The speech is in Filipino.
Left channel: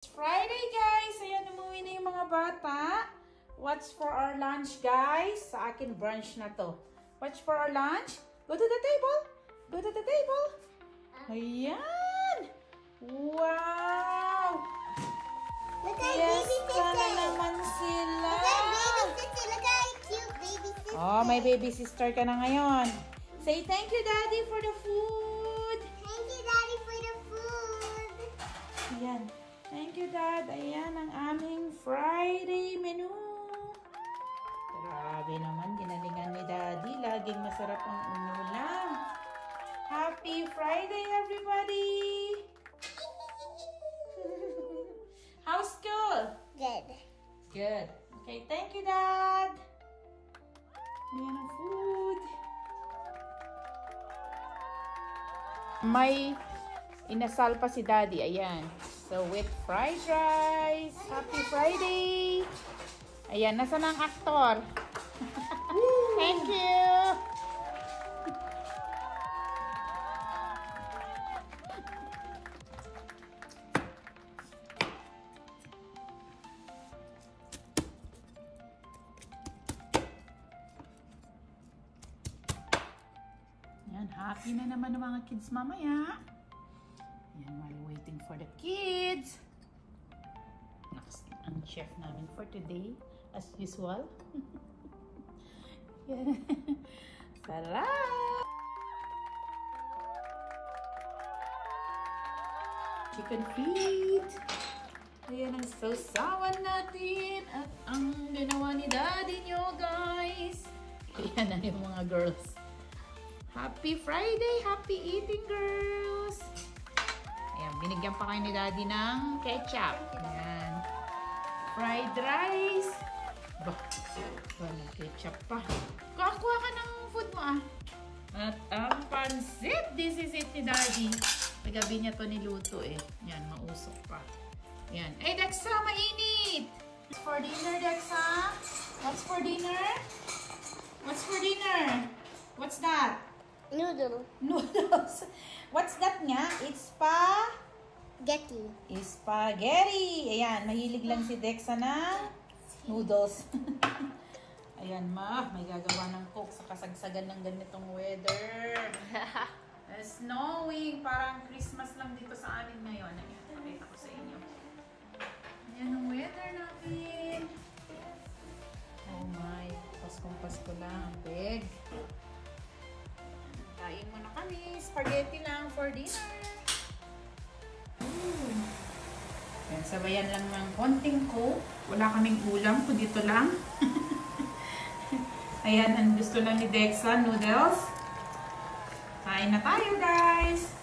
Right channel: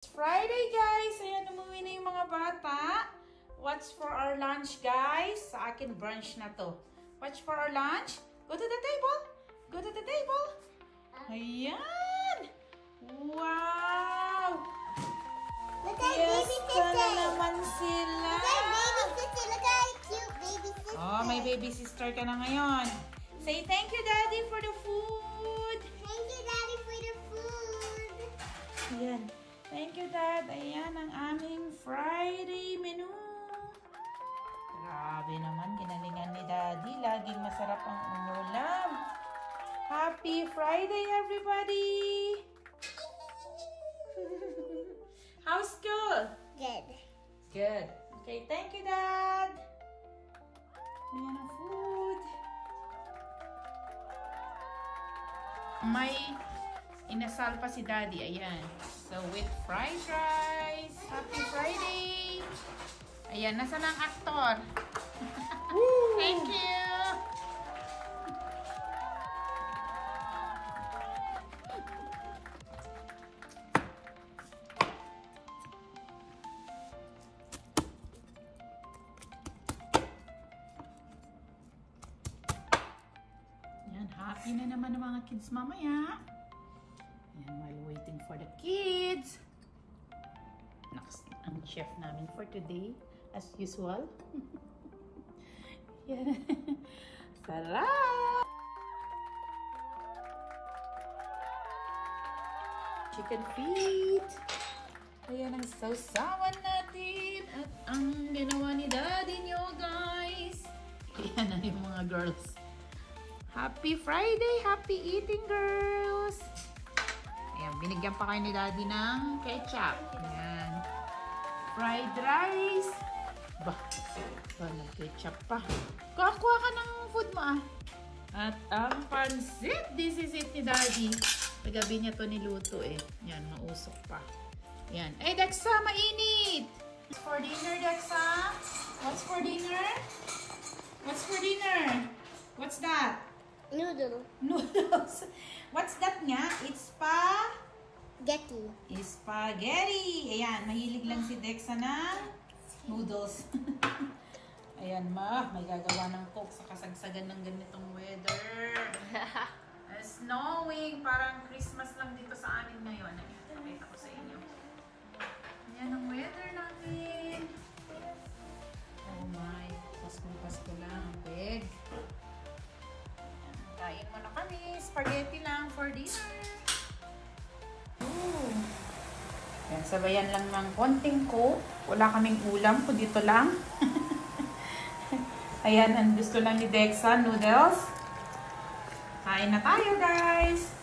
Friday guys, ayan umuwi na yung mga bata. What's for our lunch guys? Sa akin brunch na to. What's for our lunch? Go to the table. Go to the table. Ayan. Wow. Fiesta na naman sila. Look how cute baby sister. Oh, may baby sister ka na ngayon. Say thank you daddy for the food. Thank you daddy for the food. Ayan. Thank you, Dad. Ayan ang aming Friday menu. Grabe naman, ginalingan ni Daddy. Laging masarap ang ulam. Happy Friday, everybody! How's school? Good. Good. Okay, thank you, Dad. Ayan ang food. May inasal pa si Daddy. Ayan. So, with fried rice. Happy Friday! Ayan, nasaan ang actor? Thank you! Ayan, happy na naman ang mga kids mamaya. Ayan, while waiting for the kids. Next, ang chef namin for today, as usual. Sarap! Chicken feet. Ayan ang sausawan natin. At ang ginawa ni Daddy nyo, guys. Ayan na yung mga girls. Happy Friday! Happy eating, girls! Ayan, binigyan pa kayo ni Daddy ng ketchup. Ayan. Fried rice. Bah, nag-ketchup pa. Kuha ka ng food mo ah. At ang pansit. This is it ni Daddy. Pagabi niya to niluto eh. Ayan, mausok pa. Ayan. Ay, Dexa, mainit! What's for dinner, Dexa? What's for dinner? What's for dinner? What's that? Noodle. Noodles. What's that nga? It's Getty. spaghetti. Ayan, mahilig lang si Dexa na noodles. Ayan, may gagawa ng cook sa kasagsagan ng ganitong weather. Snowing. Parang Christmas lang dito sa amin ngayon. Ayan, pakita ko sa inyo. Ayan ang weather natin. Oh my. Pasko lang. Big. Kain muna kami. Spaghetti lang for dinner. Yan, sabayan lang ng konting coke. Wala kaming ulam, kundi dito lang. Ayan, ang gusto lang ni Dexa, noodles. Kain na tayo, guys!